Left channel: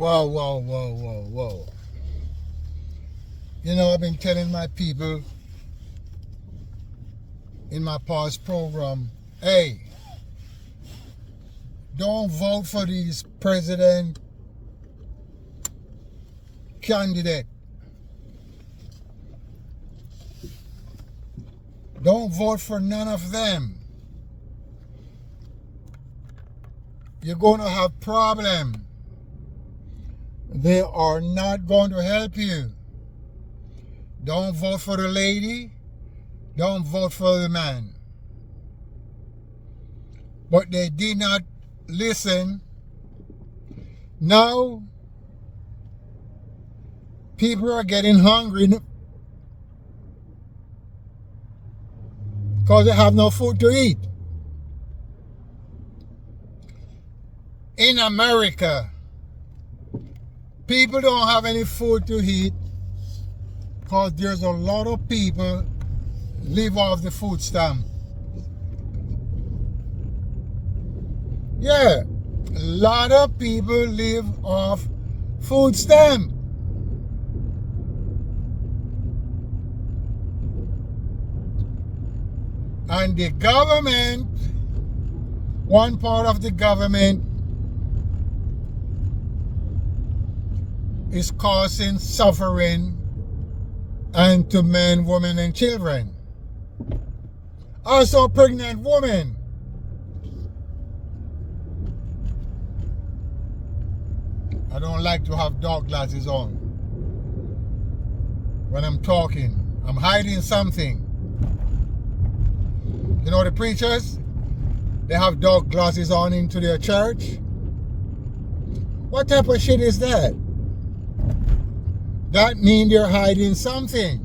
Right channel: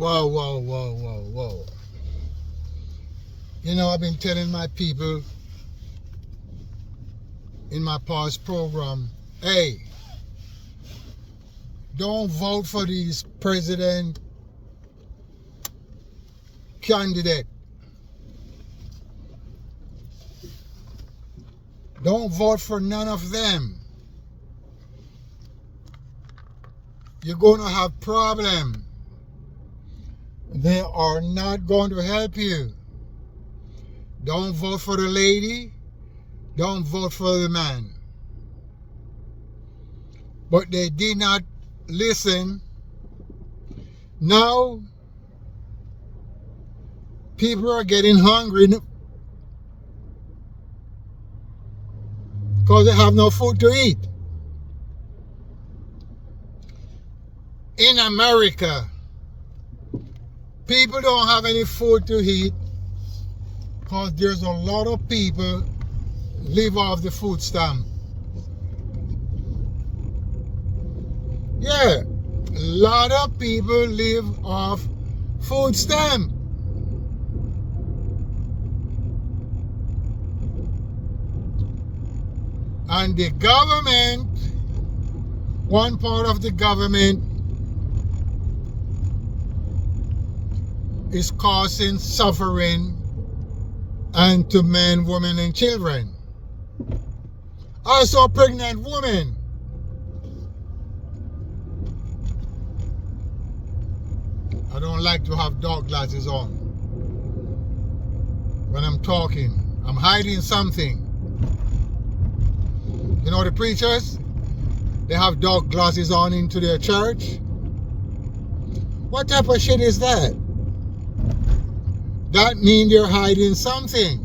Whoa, whoa, whoa, whoa, whoa. You know, I've been telling my people in my past program, hey, don't vote for these president candidate. Don't vote for none of them. You're going to have problem. They are not going to help you. Don't vote for the lady. Don't vote for the man. But they did not listen. Now, people are getting hungry because they have no food to eat. In America, people don't have any food to eat because there's a lot of people live off the food stamp. Yeah, a lot of people live off food stamp. And the government, one part of the government is causing suffering and to men, women, and children. Also pregnant women. I don't like to have dark glasses on when I'm talking. I'm hiding something. You know the preachers? They have dark glasses on into their church. What type of shit is that? That means they're hiding something.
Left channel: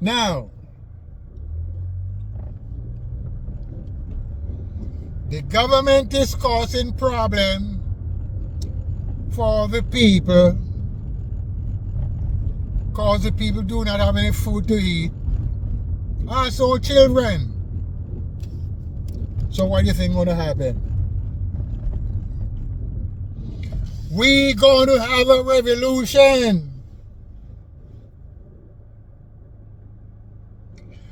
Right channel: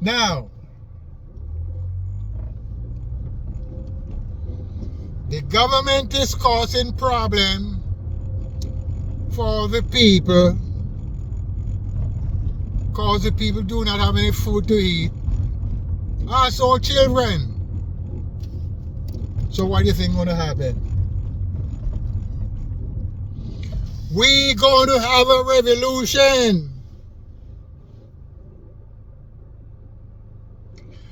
Now, the government is causing problem for the people because the people do not have any food to eat. Also children. So what do you think going to happen? We going to have a revolution.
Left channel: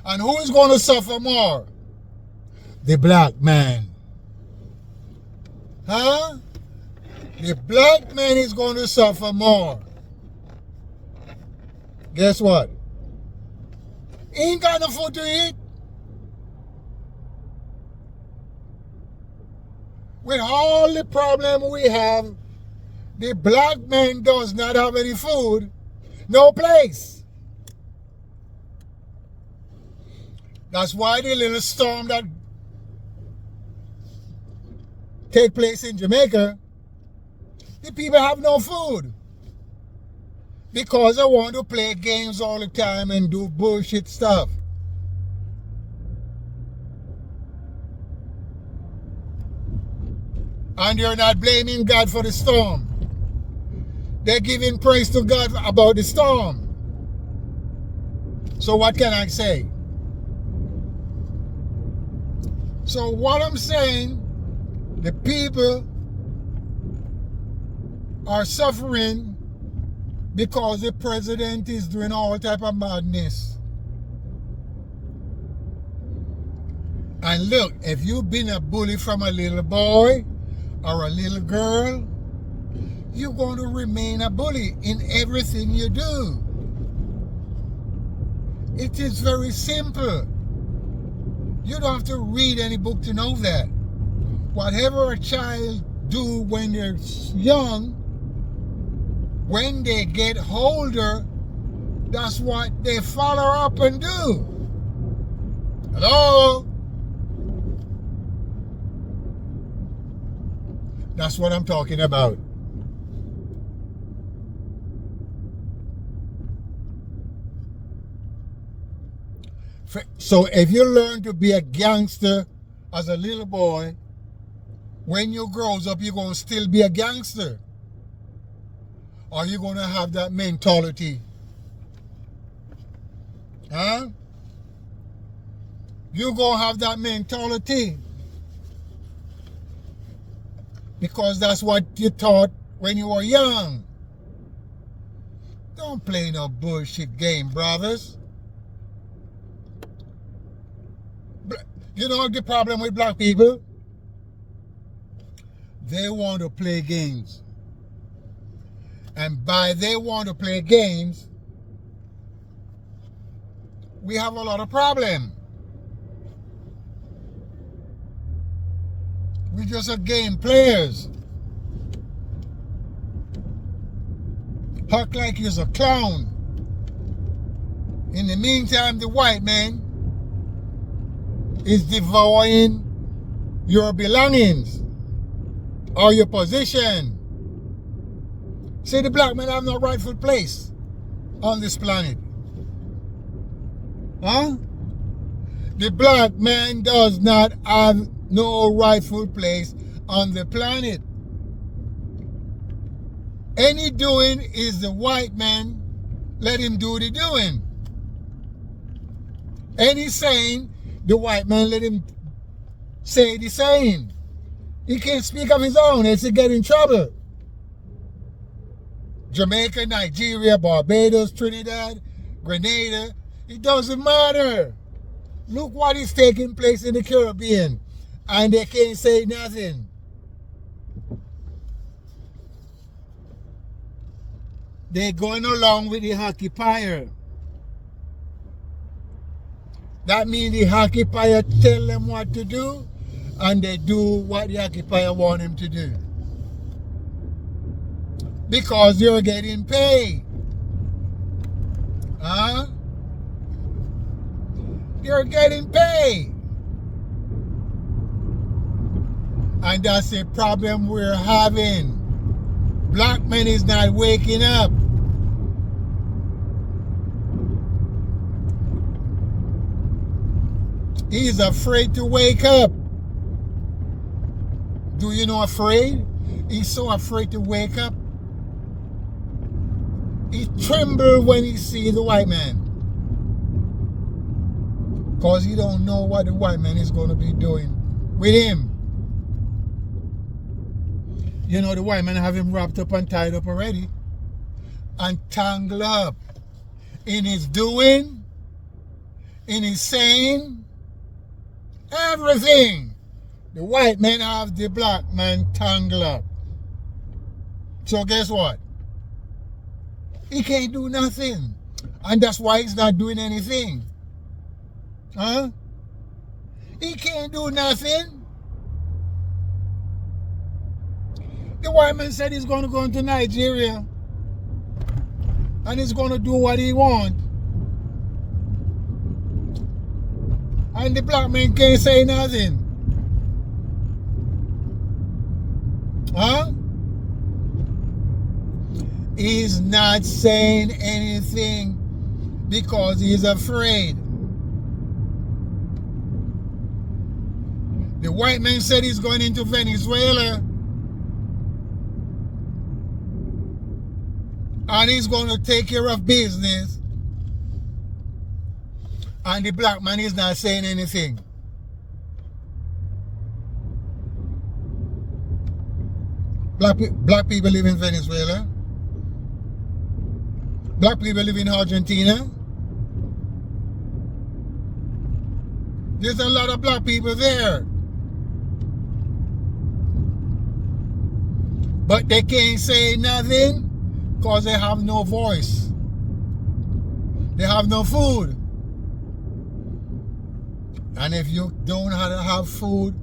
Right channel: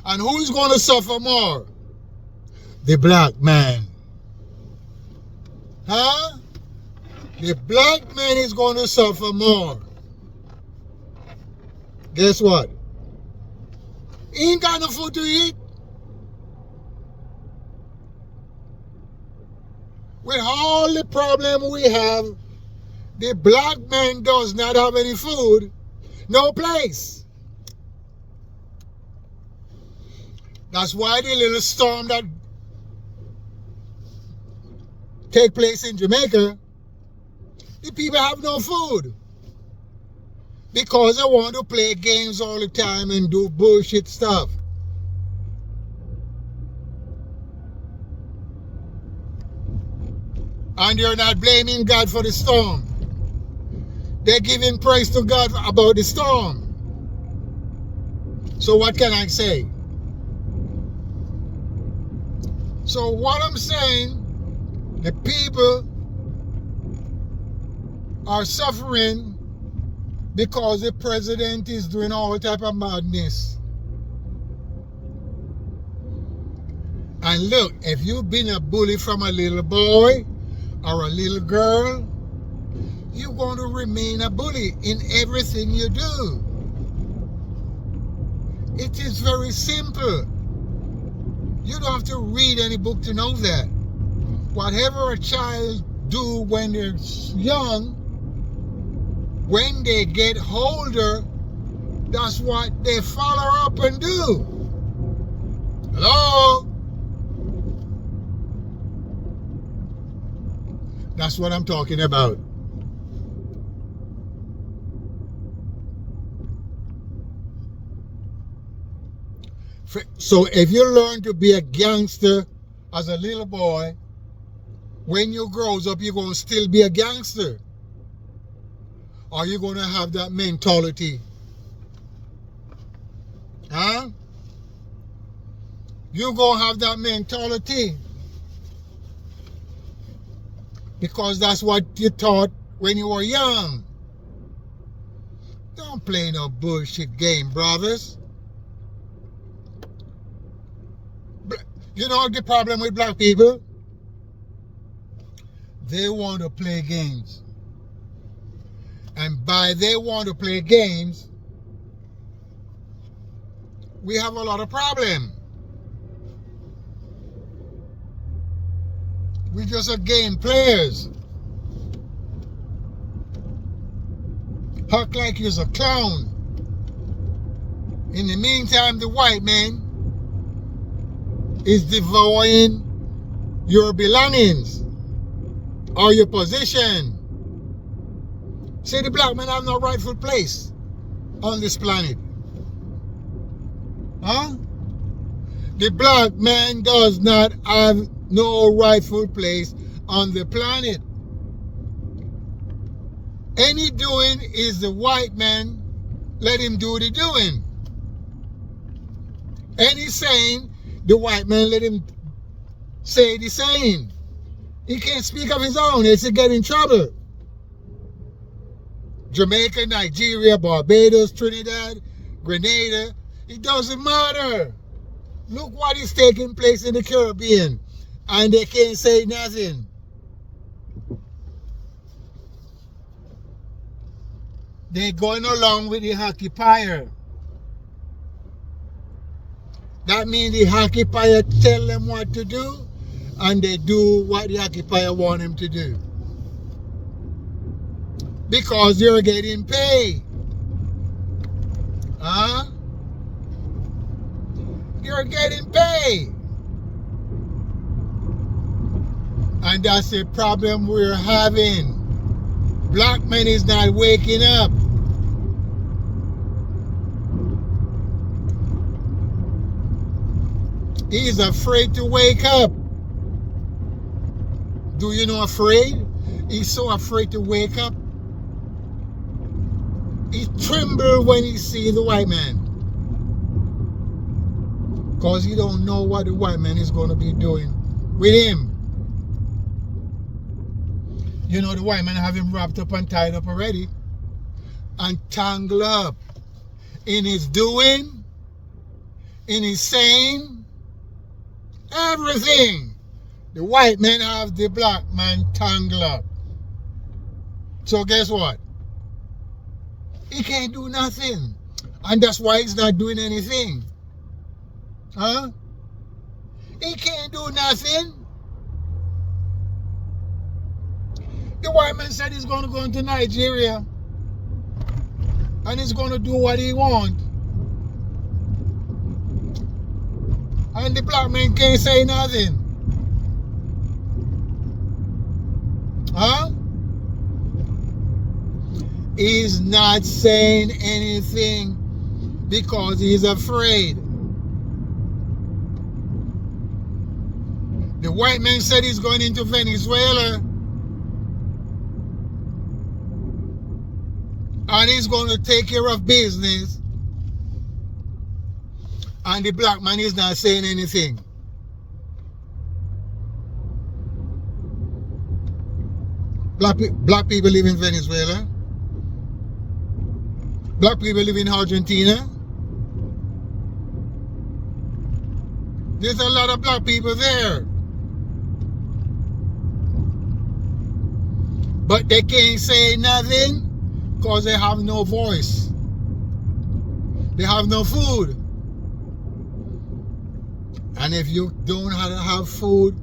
And who is going to suffer more? The black man. Huh? The black man is going to suffer more. Guess what? He ain't got no food to eat. With all the problem we have, the black man does not have any food, no place. That's why the little storm that take place in Jamaica, the people have no food. Because they want to play games all the time and do bullshit stuff. And you're not blaming God for the storm. They're giving praise to God about the storm. So what can I say? So what I'm saying, the people are suffering because the president is doing all type of madness. And look, if you've been a bully from a little boy or a little girl, you're going to remain a bully in everything you do. It is very simple. You don't have to read any book to know that. Whatever a child do when they're young, when they get older, that's what they follow up and do. Hello? That's what I'm talking about. So if you learn to be a gangster as a little boy, when you grow up, you're going to still be a gangster. Or you're going to have that mentality. Huh? You're going to have that mentality. Because that's what you thought when you were young. Don't play no bullshit game, brothers. You know the problem with black people? They want to play games. And by they want to play games, we have a lot of problem. We just are game players. Act like you're a clown. In the meantime, the white man is devouring your belongings or your position. See, the black man have no rightful place on this planet. Huh? The black man does not have no rightful place on the planet. Any doing is the white man, let him do the doing. Any saying, the white man let him say the saying. He can't speak of his own, else he get in trouble. Jamaica, Nigeria, Barbados, Trinidad, Grenada, it doesn't matter. Look what is taking place in the Caribbean, and they can't say nothing. They're going along with the occupier. That means the occupier tell them what to do, and they do what the occupier want them to do. Because you're getting paid. Huh? You're getting paid. And that's the problem we're having. Black man is not waking up. He's afraid to wake up. Do you know afraid? He's so afraid to wake up. He trembles when he sees the white man. Because he don't know what the white man is going to be doing with him. You know, the white man have him wrapped up and tied up already. And tangled up. In his doing, in his saying, everything. The white man have the black man tangled up. So guess what? He can't do nothing. And that's why he's not doing anything. Huh? He can't do nothing. The white man said he's going to go into Nigeria and he's going to do what he wants. And the black man can't say nothing. Huh? He's not saying anything because he's afraid. The white man said he's going into Venezuela and he's going to take care of business, and the black man is not saying anything. Black people live in Venezuela. Black people live in Argentina. There's a lot of black people there. But they can't say nothing because they have no voice. They have no food. And if you don't have food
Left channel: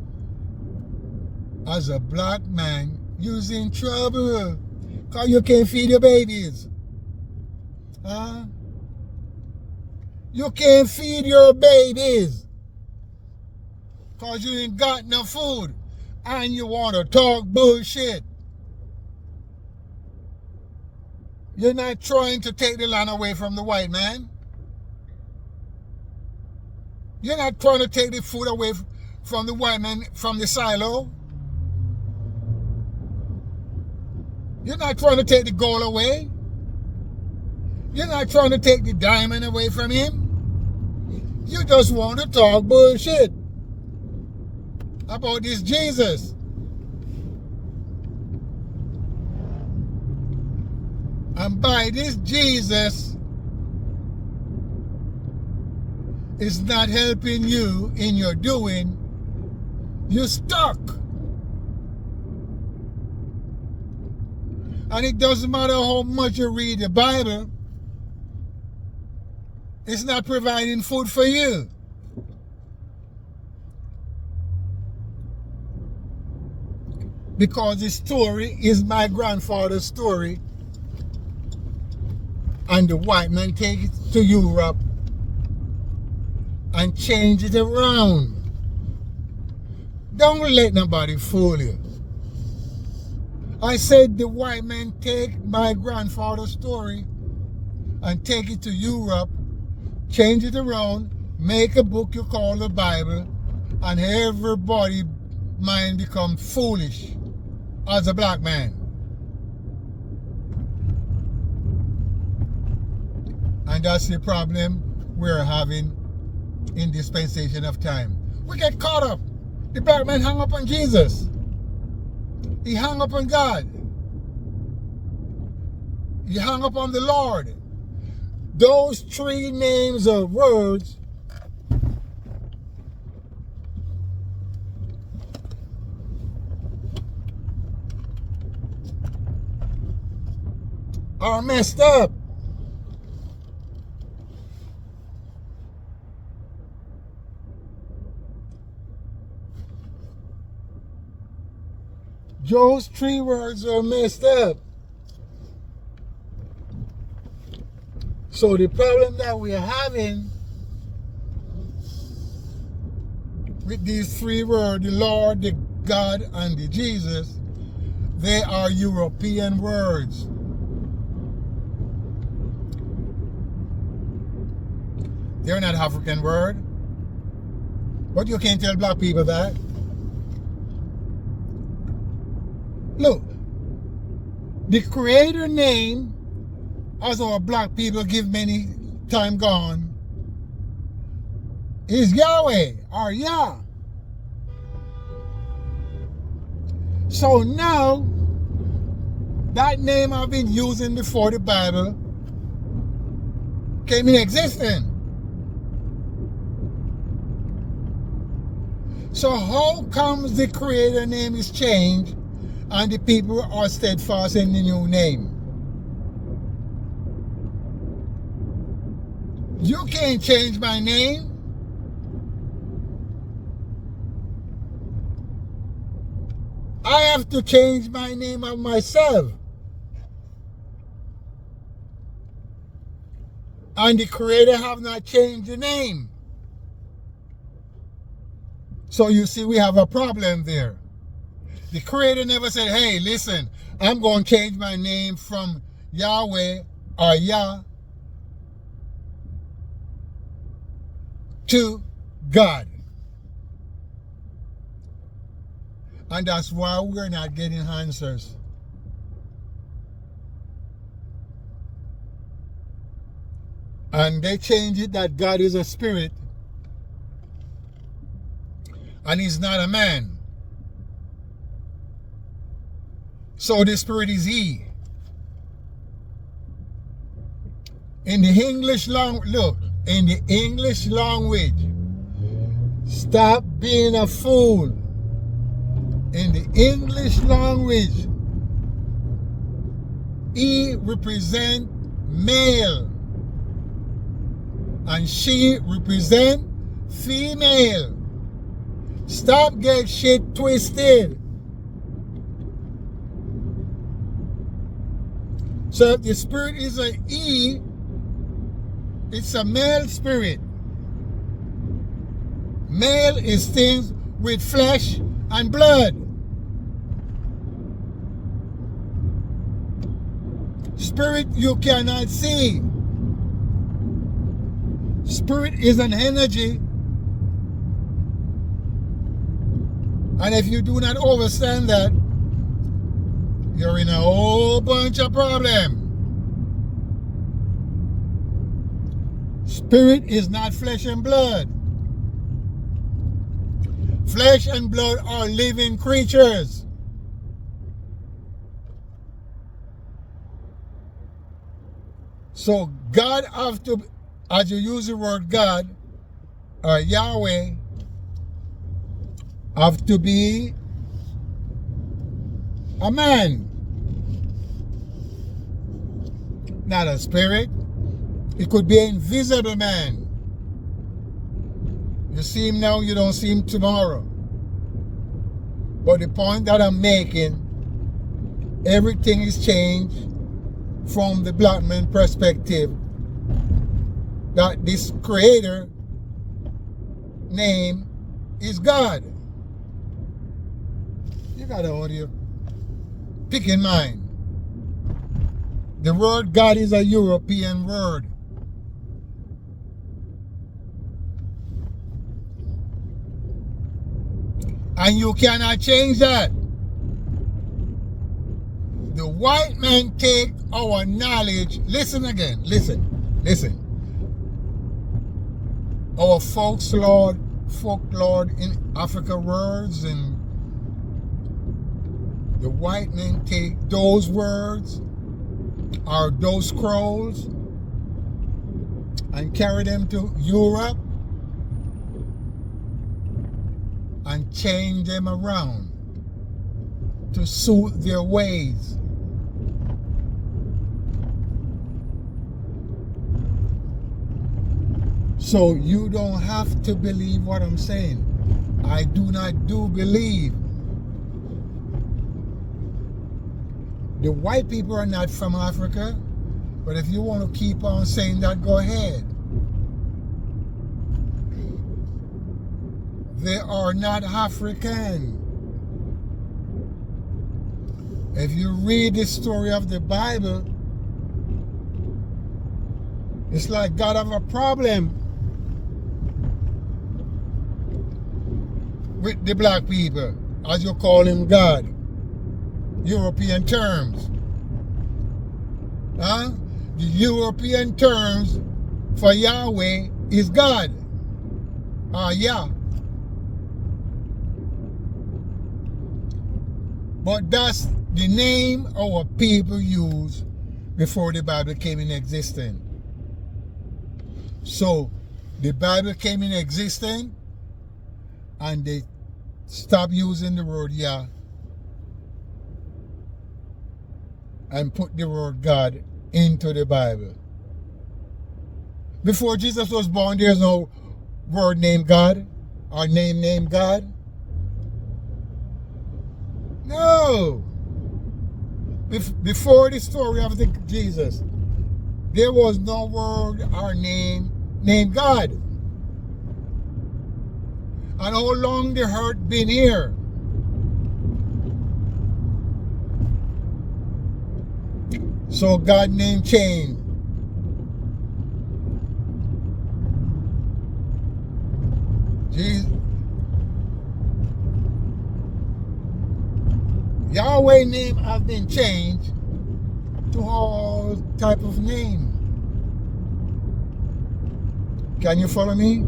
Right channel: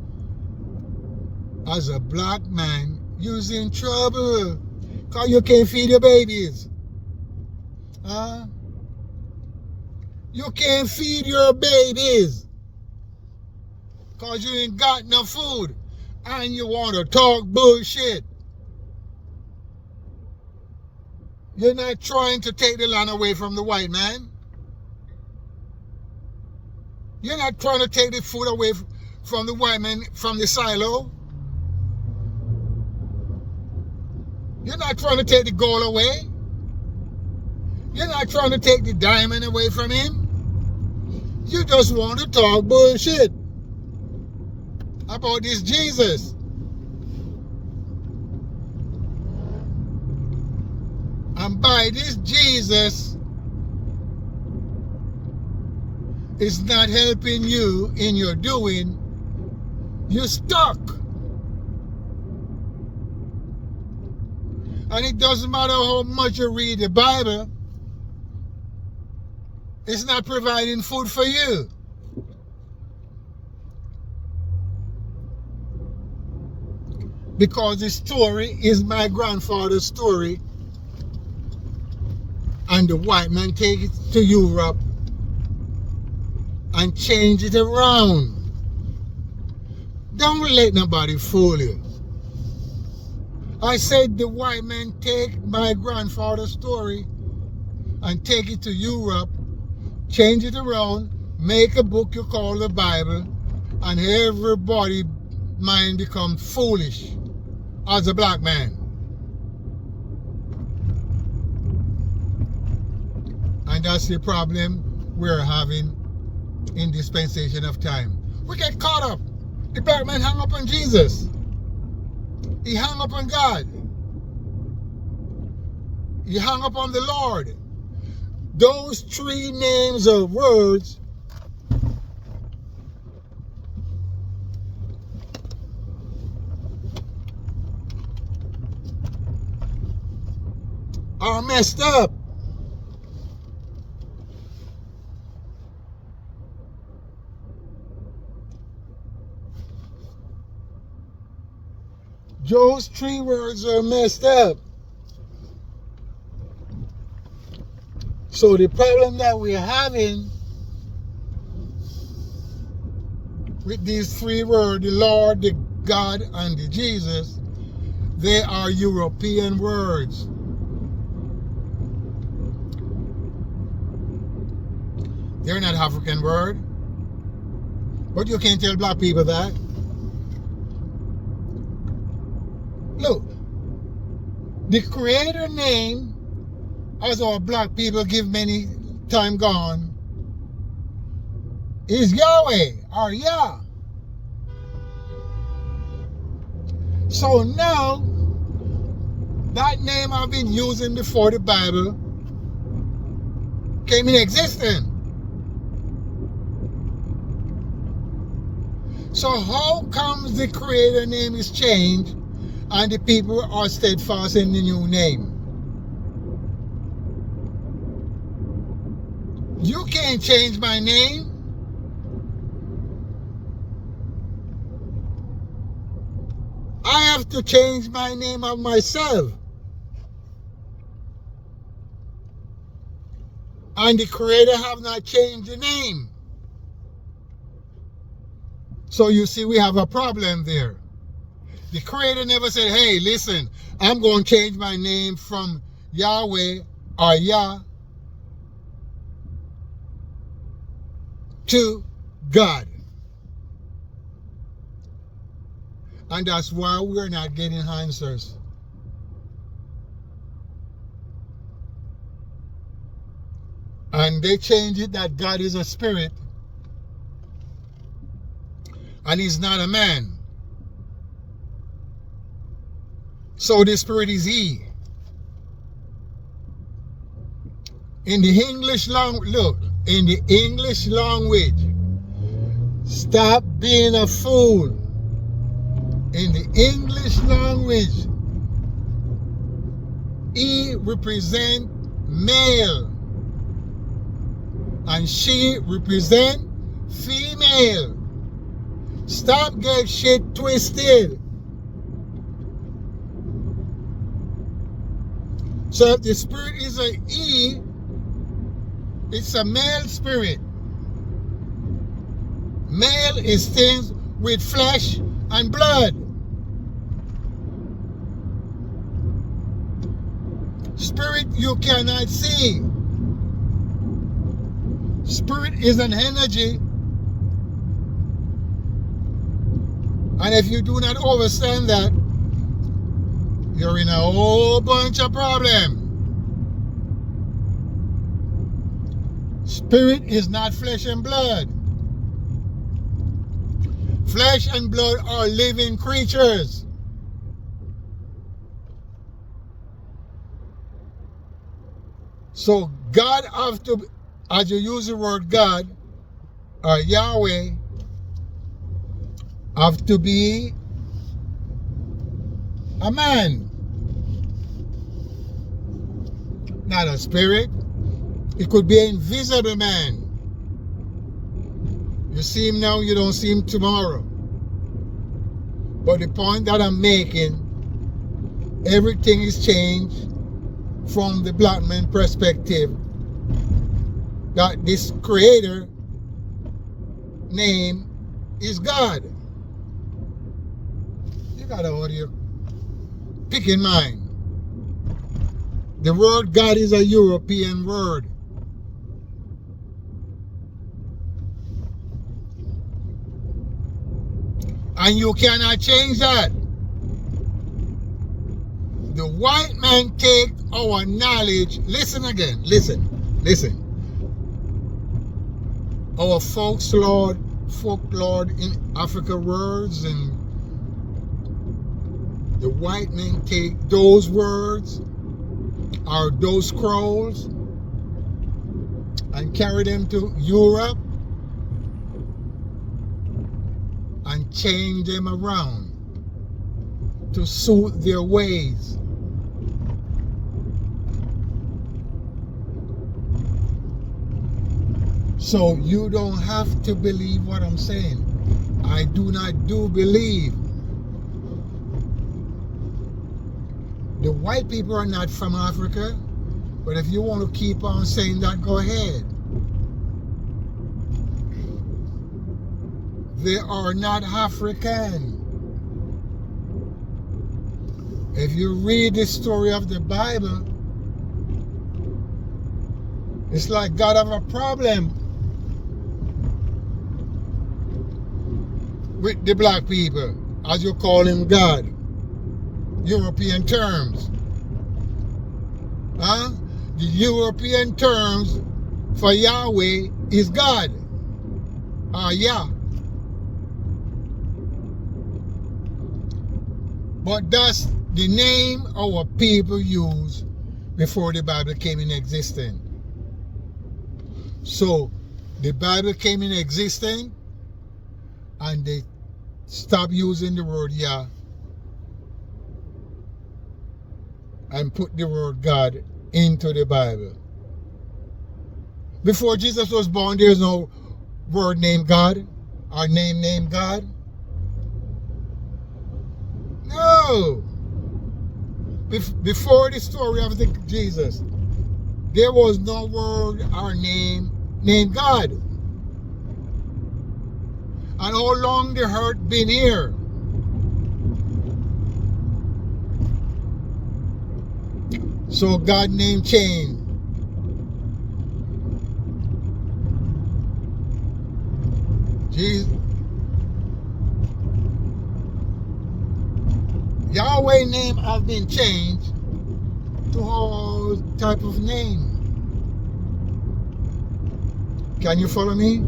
as a black man, you're in trouble because you can't feed your babies. Huh? You can't feed your babies because you ain't got no food and you want to talk bullshit. You're not trying to take the land away from the white man. You're not trying to take the food away from the white man, from the silo. You're not trying to take the gold away. You're not trying to take the diamond away from him. You just want to talk bullshit about this Jesus. And by this Jesus is not helping you in your doing, you're stuck. And it doesn't matter how much you read the Bible, it's not providing food for you. Because the story is my grandfather's story, and the white man take it to Europe and change it around. Don't let nobody fool you. I said the white man take my grandfather's story and take it to Europe, change it around, make a book you call the Bible, and everybody mind become foolish as a black man. And that's the problem we're having in dispensation of time. We get caught up. The black man hung up on Jesus. He hung up on God. He hung up on the Lord. Those three names or words are messed up. Those three words are messed up. So the problem that we're having with these three words, the Lord, the God, and the Jesus, they are European words. They're not African words. But you can't tell black people that. Look, the creator name, as our black people give many time gone, is Yahweh or Yah. So now, that name I've been using before the Bible came in existence. So how comes the creator name is changed and the people are steadfast in the new name? You can't change my name. I have to change my name of myself. And the creator have not changed the name. So you see, we have a problem there. The creator never said, hey, listen, I'm going to change my name from Yahweh or Yah to God. And that's why we're not getting answers. And they change it that God is a spirit and he's not a man. So the spirit is he. In the English language, look, in the English language, stop being a fool. In the English language, he represent male and she represent female. Stop getting shit twisted. So if the spirit is a he, it's a male spirit. Male is things with flesh and blood. Spirit you cannot see. Spirit is an energy. And if you do not understand that, you're in a whole bunch of problems. Spirit is not flesh and blood. Flesh and blood are living creatures. So God have to, as you use the word God or Yahweh, have to be a man, not a spirit. It could be an invisible man. You see him now, you don't see him tomorrow. But the point that I'm making, everything is changed from the black man perspective. That this creator name is God. You gotta hold your pick in mind. The word God is a European word. And you cannot change that. The white man take our knowledge. Listen again. Listen. Our folklore in Africa words, and the white men take those words or those scrolls and carry them to Europe and change them around to suit their ways. So you don't have to believe what I'm saying. I do not believe. The white people are not from Africa, but if you want to keep on saying that, go ahead. They are not African. If you read the story of the Bible, it's like God have a problem with the black people, as you call him God. European terms. The European terms for Yahweh is God. Yeah. But that's the name our people used before the Bible came in existence. So the Bible came in existence and they stopped using the word Yah and put the word God into the Bible. Before Jesus was born, there's no word named God or name named God. No. Before the story of Jesus, there was no word or name named God. And how long the earth been here? So God name changed. Jesus. Yahweh name have been changed to all type of name. Can you follow me?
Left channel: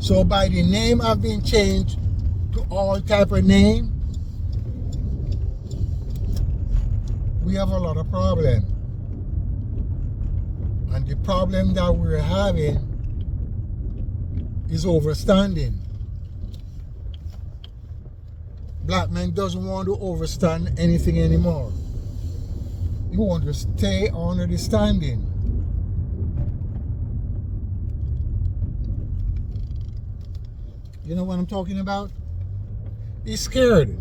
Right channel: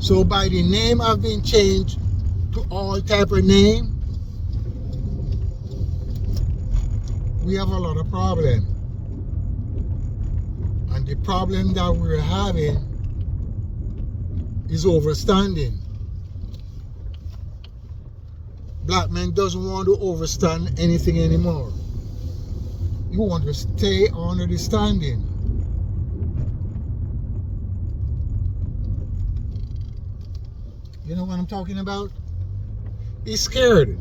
So by the name have been changed to all type of name, we have a lot of problem. And the problem that we're having is overstanding. Black man doesn't want to overstand anything anymore. You want to stay under the standing. You know what I'm talking about? He's scared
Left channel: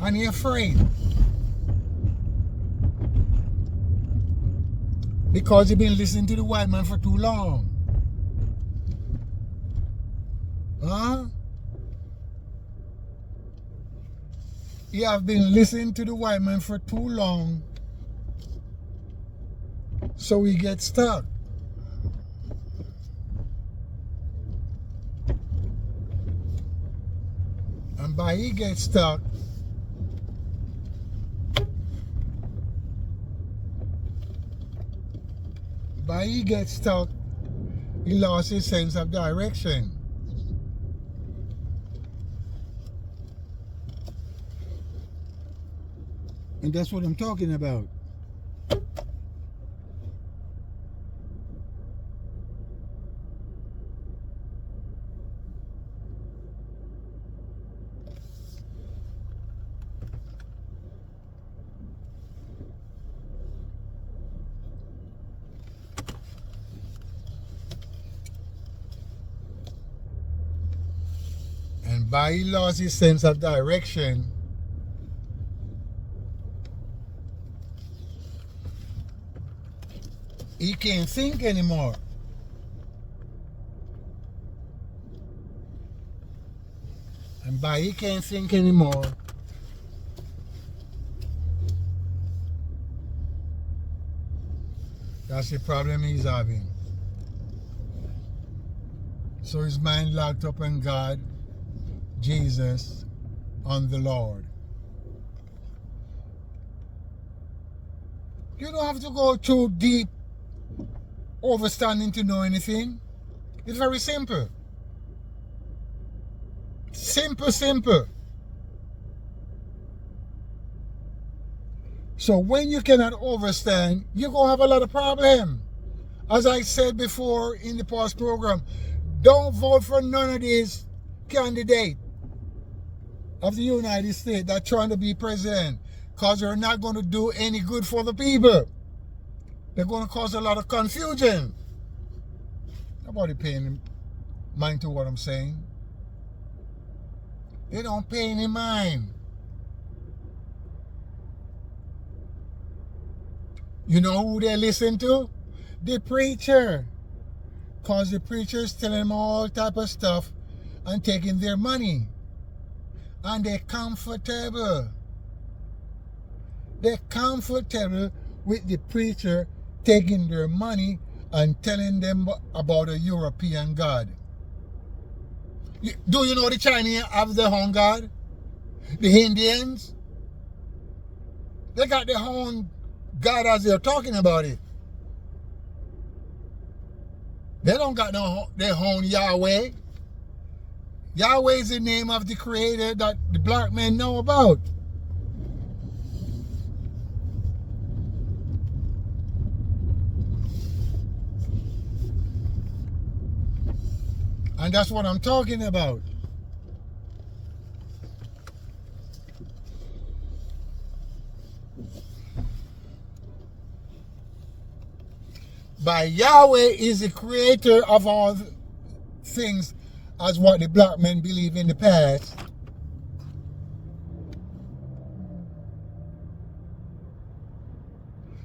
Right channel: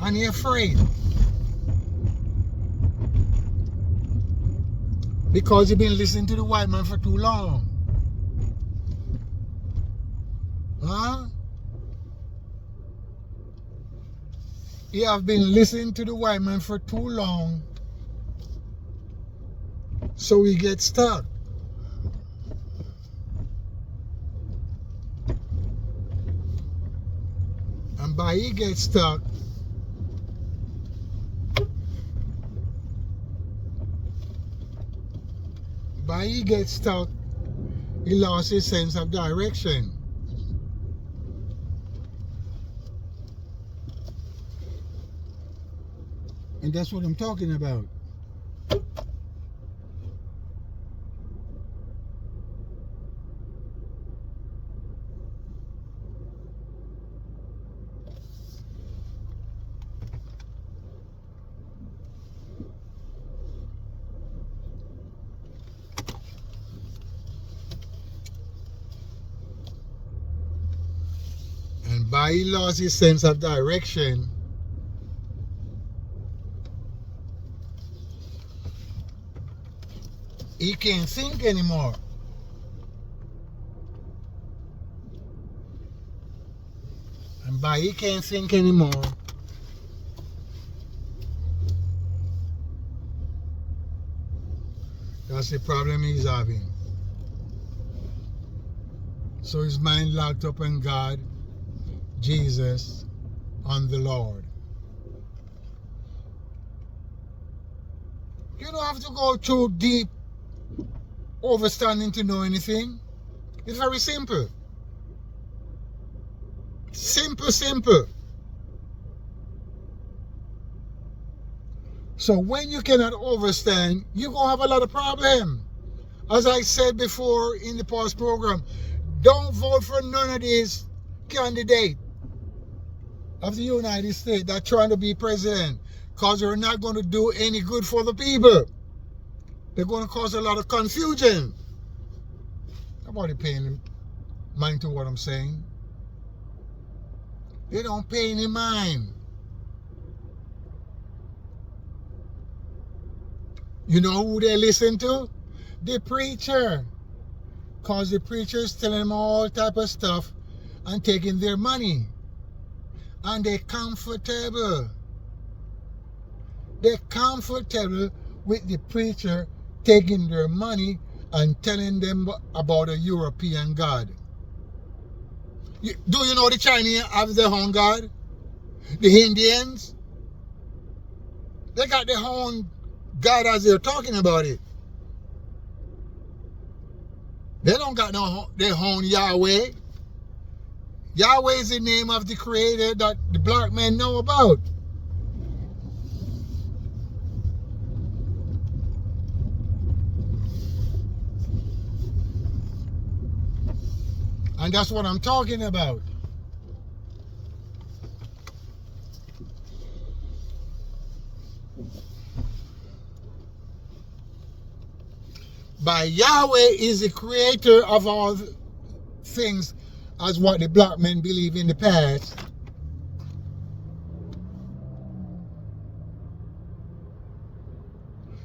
and he's afraid. Because he's been listening to the white man for too long. Huh? He have been listening to the white man for too long, so he gets stuck. And by he gets stuck, he lost his sense of direction. And that's what I'm talking about. And by he lost his sense of direction, he can't think anymore. And by he can't think anymore, that's the problem he's having. So his mind locked up on God, Jesus, on the Lord. You don't have to go too deep overstanding to know anything. It's very simple. Simple. So when you cannot overstand, you're going to have a lot of problem. As I said before in the past program, don't vote for none of these candidates of the United States that are trying to be president, because they're not going to do any good for the people. They're going to cause a lot of confusion. Nobody paying mind to what I'm saying. They don't pay any mind. You know who they listen to? The preacher. Because the preacher's telling them all type of stuff and taking their money. And they're comfortable. They're comfortable with the preacher taking their money and telling them about a European God. Do you know the Chinese have their own God? The Indians? They got their own God as they're talking about it. They don't got their own Yahweh. Yahweh is the name of the creator that the black men know about. And that's what I'm talking about. By Yahweh is the creator of all things, as what the black men believe in the past.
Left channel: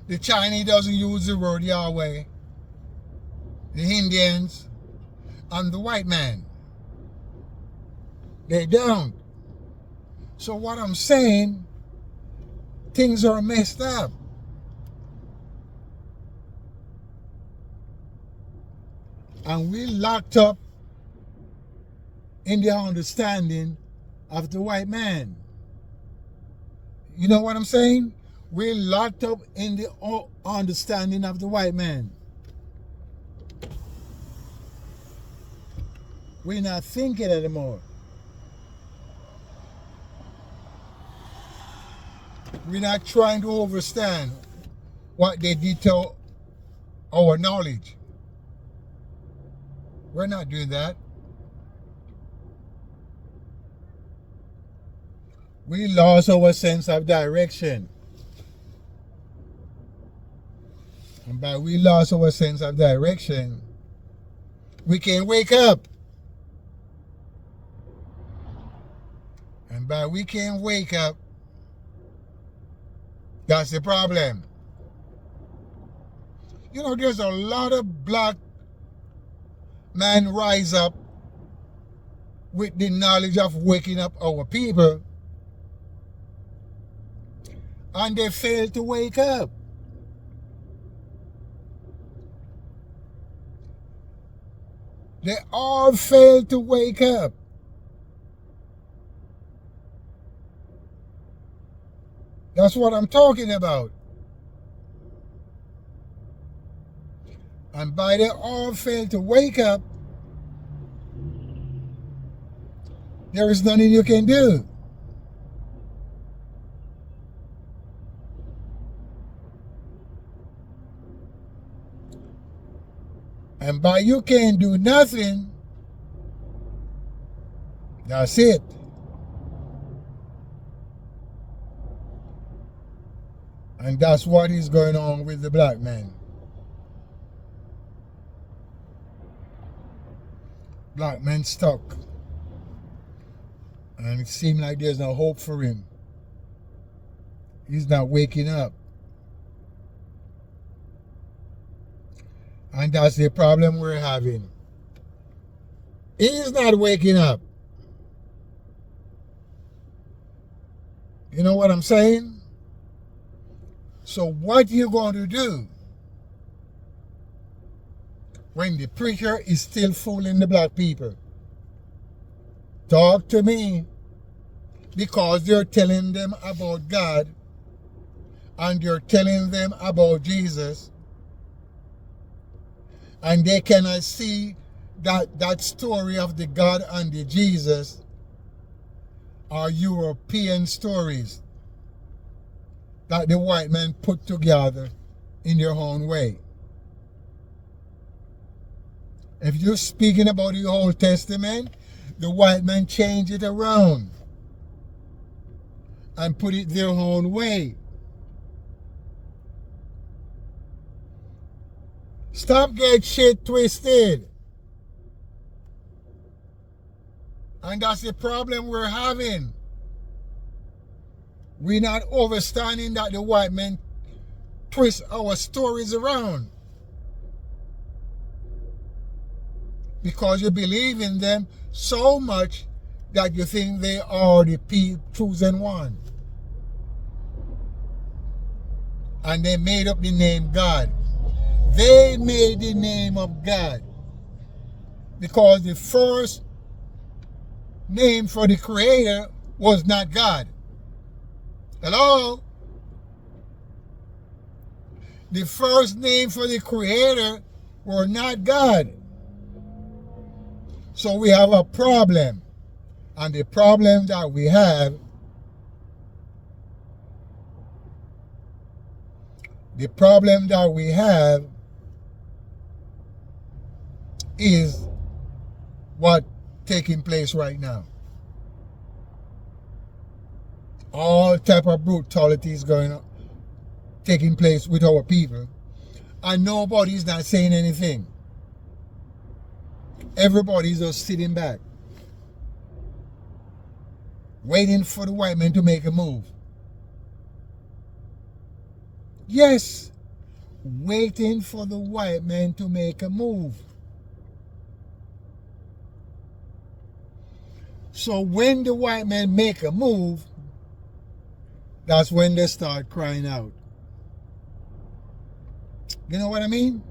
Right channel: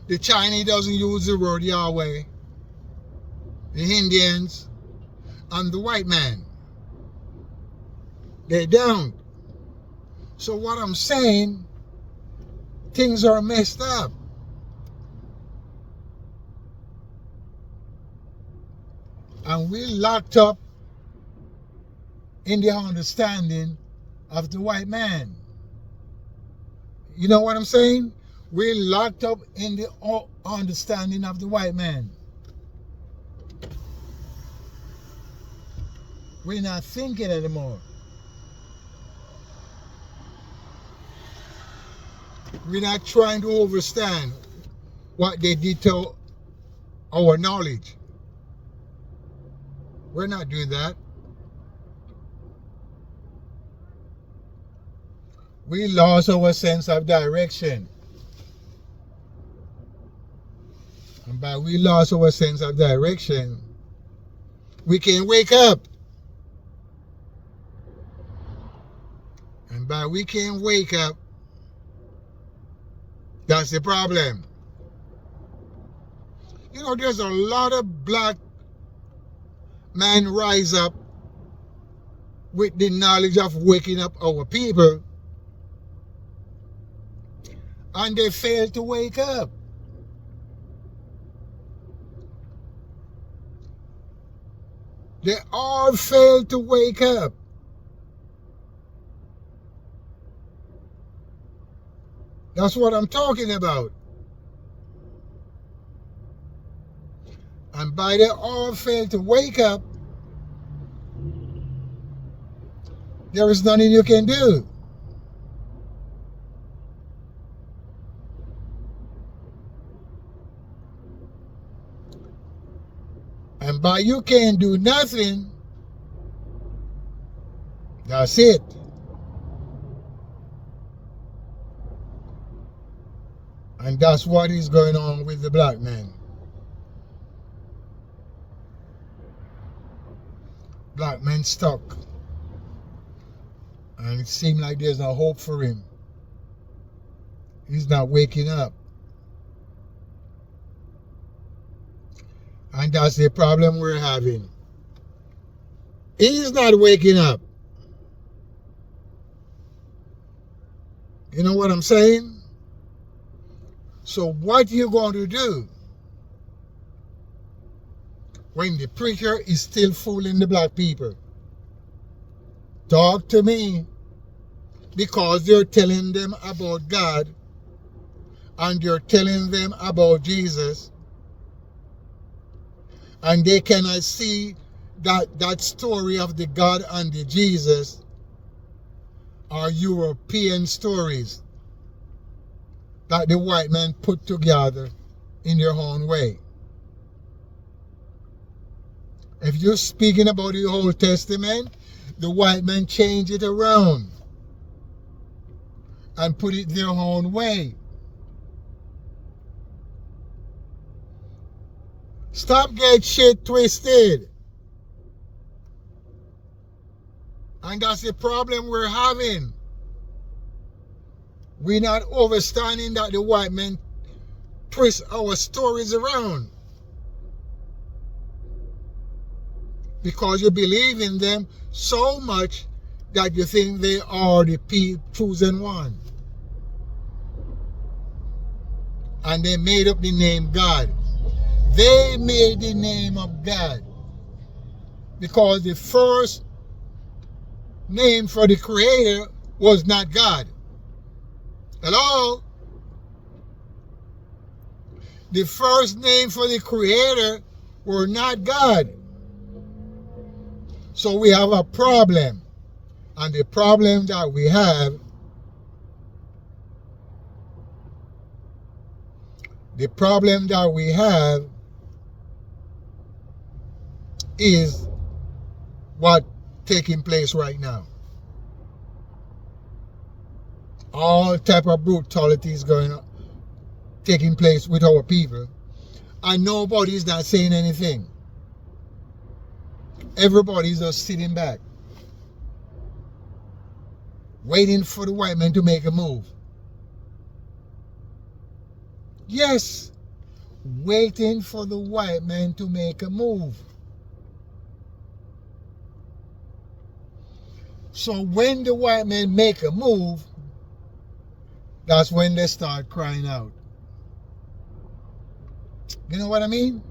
The Chinese doesn't use the word Yahweh. The Indians and the white man, they don't. So what I'm saying, things are messed up. And we're locked up in the understanding of the white man. You know what I'm saying? We're locked up in the understanding of the white man. We're not thinking anymore. We're not trying to understand what they did to our knowledge. We're not doing that. We lost our sense of direction. And by we lost our sense of direction, we can't wake up. And by we can't wake up, that's the problem. You know, there's a lot of black men rise up with the knowledge of waking up our people, and they fail to wake up. They all fail to wake up. That's what I'm talking about. And by they all fail to wake up, there is nothing you can do. And by you can't do nothing, that's it. And that's what is going on with the black man. Black man stuck. And it seems like there's no hope for him. He's not waking up. And that's the problem we're having. He's not waking up. You know what I'm saying? So what you going to do when the preacher is still fooling the black people? Talk to me, because they're telling them about God and they're telling them about Jesus, and they cannot see that story of the God and the Jesus are European stories that the white man put together in their own way. If you're speaking about the Old Testament, the white man changed it around and put it their own way. Stop getting shit twisted. And that's the problem we're having. We're not understanding that the white men twist our stories around. Because you believe in them so much that you think they are the chosen one. And they made up the name God. They made the name of God. Because the first name for the Creator was not God. Hello? The first name for the Creator were not God. So we have a problem. And the problem that we have, is what taking place right now. All type of brutality is going on, taking place with our people, and nobody's not saying anything. Everybody's just sitting back, waiting for the white man to make a move. Yes, waiting for the white man to make a move. So when the white men make a move, that's when they start crying out. You know what I mean?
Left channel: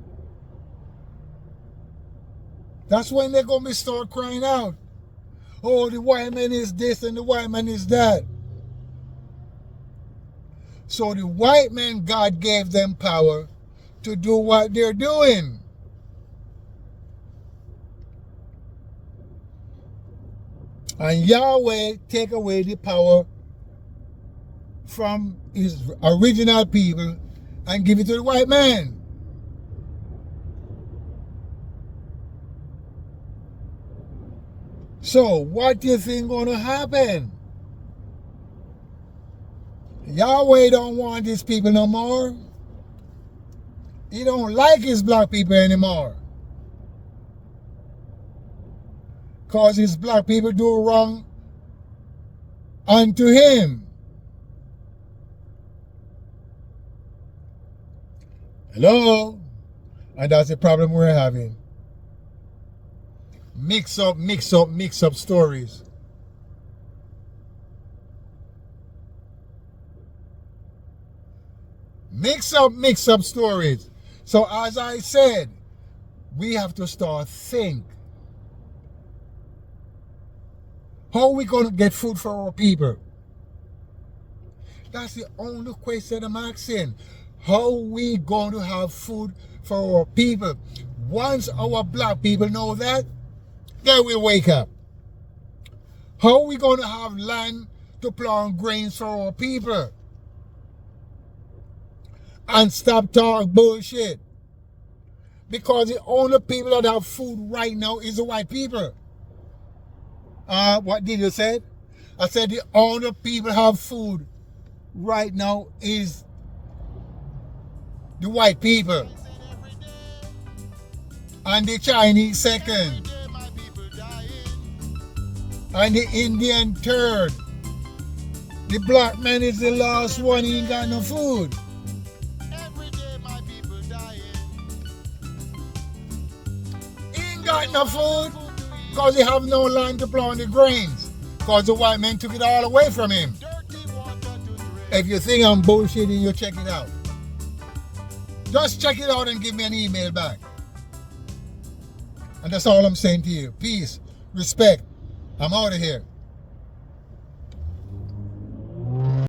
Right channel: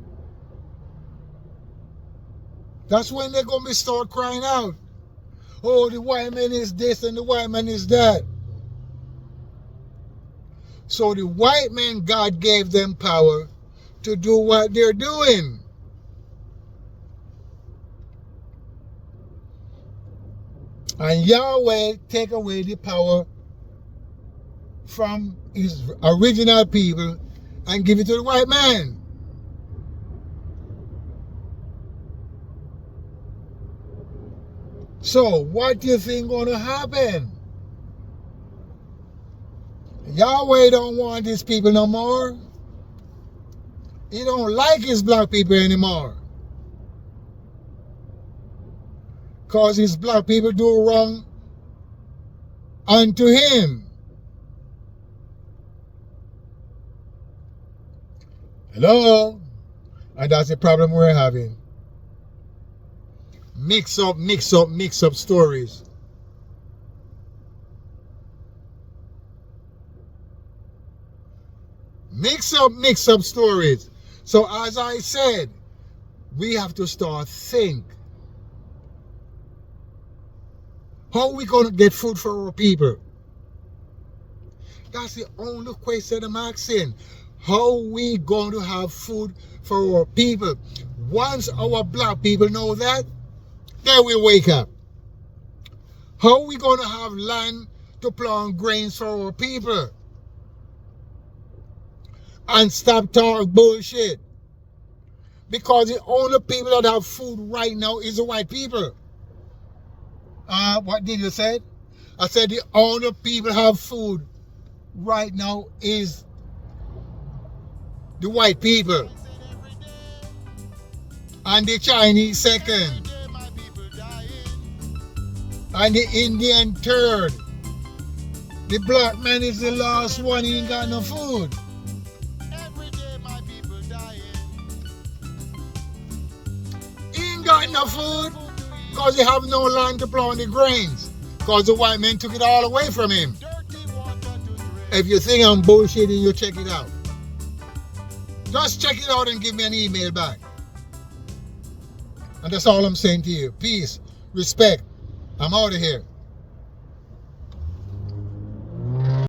That's when they're going to start crying out. Oh, the white man is this and the white man is that. So the white men, God gave them power to do what they're doing. And Yahweh take away the power from his original people and give it to the white man. So what do you think going to happen? Yahweh don't want these people no more. He don't like his black people anymore. Because his black people do wrong unto him. Hello? And that's the problem we're having. Mix up stories. Mix up stories. So as I said, we have to start think. How are we going to get food for our people? That's the only question I'm asking. How are we going to have food for our people? Once our black people know that, they will wake up. How are we going to have land to plant grains for our people? And stop talking bullshit. Because the only people that have food right now is the white people. What did you say? I said the only people have food right now is the white people. And the Chinese second. And the Indian third. The black man is the last one, he ain't got no food. He ain't got no food because he have no land to plow the grains. Because the white man took it all away from him. If you think I'm bullshitting, you check it out. Just check it out and give me an email back. And that's all I'm saying to you. Peace, respect. I'm out of here.